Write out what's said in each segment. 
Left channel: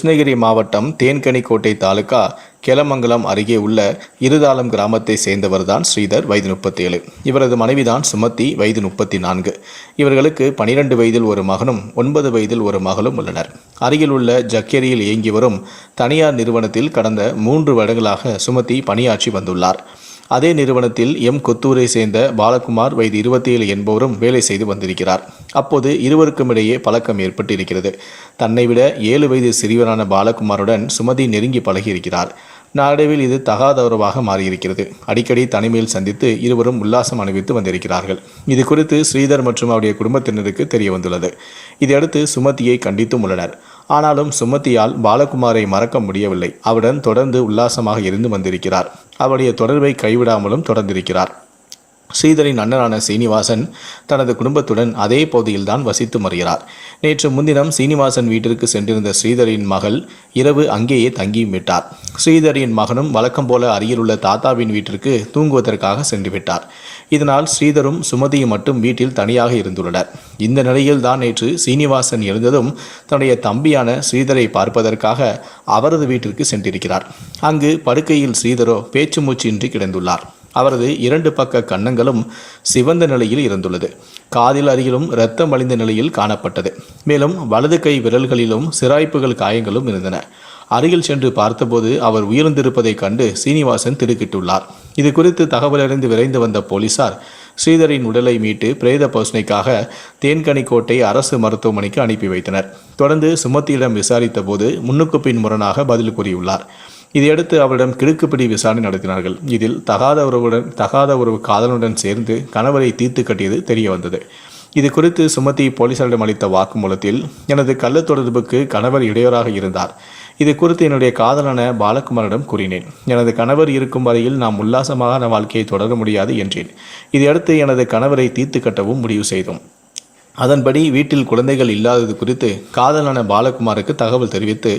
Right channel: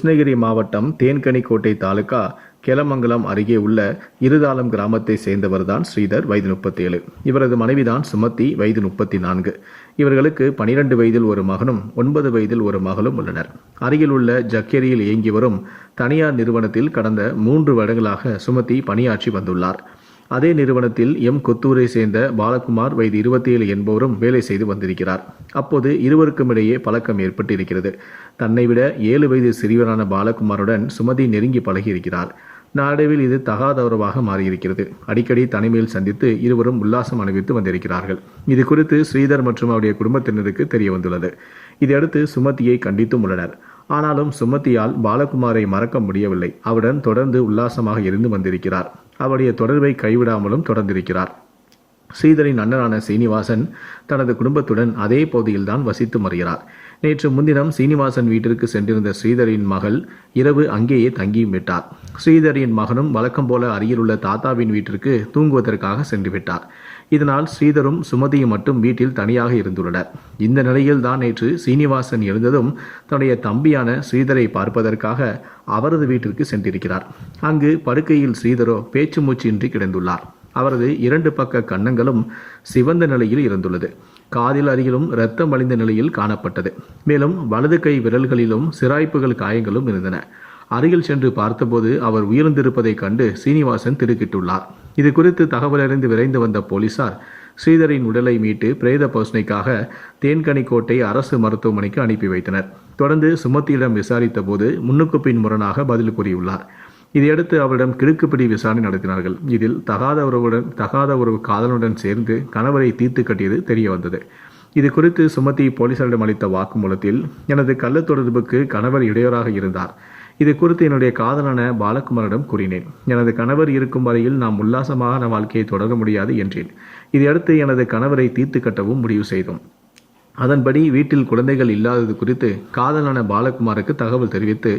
கிருஷ்ணகிரி மாவட்டம் தேன்கனிக்கோட்டை தாலுகா கெலமங்கலம் அருகே உள்ள இருதாளம் கிராமத்தை சேர்ந்தவர்தான் ஸ்ரீதர் வயது முப்பத்தேழு. இவரது மனைவிதான் சுமதி வயது முப்பத்தி நான்கு இவர்களுக்கு பனிரெண்டு வயதில் ஒரு மகனும் ஒன்பது வயதில் ஒரு மகளும் உள்ளனர். அருகில் உள்ள ஜக்கேரியில் இயங்கி வரும் தனியார் நிறுவனத்தில் கடந்த மூன்று வருடங்களாக சுமதி பணியாற்றி வந்துள்ளார். அதே நிறுவனத்தில் எம் கொத்தூரை சேர்ந்த பாலகுமார் வயது இருபத்தி ஏழு என்பவரும் வேலை செய்து வந்திருக்கிறார். அப்போது இருவருக்கும் இடையே பழக்கம் ஏற்பட்டு இருக்கிறது தன்னை விட ஏழு வயது சிறியவரான பாலகுமாருடன் சுமதி நெருங்கி பழகியிருக்கிறார். நாளடைவில் இது தகாதவரவாக மாறியிருக்கிறது. அடிக்கடி தனிமையில் சந்தித்து இருவரும் உல்லாசம் அனுபவித்து வந்திருக்கிறார்கள். இது குறித்து ஸ்ரீதர் மற்றும் அவருடைய குடும்பத்தினருக்கு தெரிய வந்துள்ளது இதையடுத்து சுமதியை கண்டித்தும் உள்ளனர். ஆனாலும் சுமதியால் பாலகுமாரை மறக்க முடியவில்லை. அவருடன் தொடர்ந்து உல்லாசமாக இருந்து வந்திருக்கிறார். அவருடைய தொடர்பை கைவிடாமலும் தொடர்ந்திருக்கிறார். ஸ்ரீதரின் அண்ணனான சீனிவாசன் தனது குடும்பத்துடன் அதே பகுதியில்தான் வசித்து வருகிறார் நேற்று முன்தினம் சீனிவாசன் வீட்டிற்கு சென்றிருந்த ஸ்ரீதரின் மகள் இரவு அங்கேயே தங்கியும் விட்டார். ஸ்ரீதரின் மகனும் வழக்கம் போல அருகிலுள்ள தாத்தாவின் வீட்டிற்கு தூங்குவதற்காக சென்று விட்டார். இதனால் ஸ்ரீதரும் சுமதியும் மட்டும் வீட்டில் தனியாக இருந்துள்ளனர். இந்த நிலையில் தான் நேற்று சீனிவாசன் எழுந்ததும் தன்னுடைய தம்பியான ஸ்ரீதரை பார்ப்பதற்காக அவரது வீட்டிற்கு சென்றிருக்கிறார். அங்கு படுக்கையில் ஸ்ரீதரோ பேச்சு மூச்சின்றி கிடந்துள்ளார். அவரது இரண்டு பக்க கன்னங்களும் சிவந்த நிலையில் இருந்துள்ளது. காதில் அருகிலும் இரத்தம் அழிந்த நிலையில் காணப்பட்டது. மேலும் வலது கை விரல்களிலும் சிராய்ப்புகள் காயங்களும் இருந்தன. அருகில் சென்று பார்த்தபோது அவர் உயிர்ந்திருப்பதைக் கண்டு சீனிவாசன் திடுக்கிட்டுள்ளார். இது குறித்து தகவலறிந்து விரைந்து வந்த போலீசார் ஸ்ரீதரின் உடலை மீட்டு பிரேத பரிசோதனைக்காக தேன்கனிக்கோட்டை அரசு மருத்துவமனைக்கு அனுப்பி வைத்தனர். தொடர்ந்து சுமத்தியிடம் விசாரித்த போது முன்னுக்கு பின் முரணாக பதில் கூறியுள்ளார். இதையடுத்து அவரிடம் கிடுக்குப்பிடி விசாரணை நடத்தினார்கள். இதில் தகாத உறவுடன் தகாத உறவு காதலனுடன் சேர்ந்து கணவரை தீர்த்து கட்டியது தெரிய வந்தது. இது குறித்து சுமதி போலீசாரிடம் அளித்த வாக்குமூலத்தில் எனது கள்ள தொடர்புக்கு கணவர் இடையூறாக இருந்தார். இது குறித்து என்னுடைய காதலான பாலகுமாரிடம் கூறினேன். எனது கணவர் இருக்கும் வரையில் நாம் உல்லாசமாக வாழ்க்கையை தொடர முடியாது என்றேன். இதையடுத்து எனது கணவரை தீர்த்து கட்டவும் முடிவு செய்தோம். அதன்படி வீட்டில் குழந்தைகள் இல்லாதது குறித்து காதலான பாலகுமாருக்கு தகவல் தெரிவித்து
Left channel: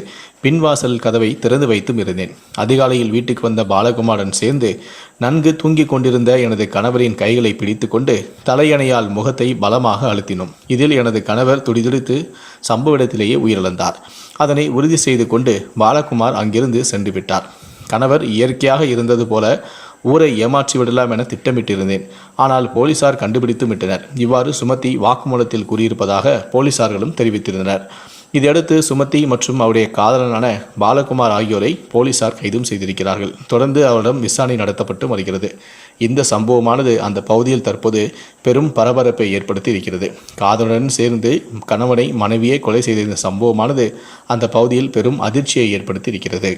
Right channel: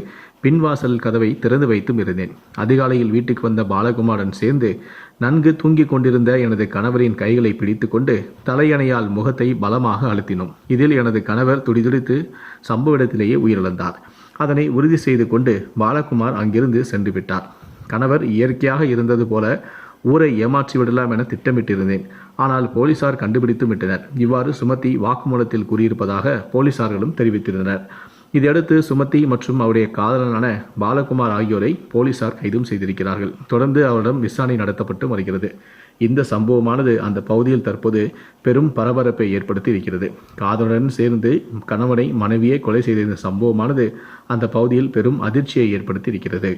பின்வாசல் கதவை திறந்து வைத்தும் இருந்தேன். அதிகாலையில் வீட்டுக்கு வந்த பாலகுமாரன் சேர்ந்து நன்கு தூங்கிக் கொண்டிருந்த எனது கணவரின் கைகளை பிடித்துக்கொண்டு தலையணையால் முகத்தை பலமாக அழுத்தினோம். இதில் எனது கணவர் துடிதுடித்து சம்பவ இடத்திலேயே உயிரிழந்தார். அதனை உறுதி செய்து கொண்டு பாலகுமார் அங்கிருந்து சென்று விட்டார். கணவர் இயற்கையாக இருந்தது போல ஊரை ஏமாற்றி விடலாம் என திட்டமிட்டிருந்தேன். ஆனால் போலீசார் கண்டுபிடித்து விட்டனர். இவ்வாறு சுமதி வாக்குமூலத்தில் கூறியிருப்பதாக போலீசார்களும் தெரிவித்திருந்தனர். இதையடுத்து சுமதி மற்றும் அவருடைய காதலனான பாலகுமார் ஆகியோரை போலீசார் கைதும் செய்திருக்கிறார்கள். தொடர்ந்து அவரிடம் விசாரணை நடத்தப்பட்டு வருகிறது. இந்த சம்பவமானது அந்த பகுதியில் தற்போது பெரும் பரபரப்பை ஏற்படுத்தி இருக்கிறது. காதலுடன் சேர்ந்து கணவனை மனைவியை கொலை செய்த இந்த சம்பவமானது அந்த பகுதியில் பெரும் அதிர்ச்சியை ஏற்படுத்தி இருக்கிறது.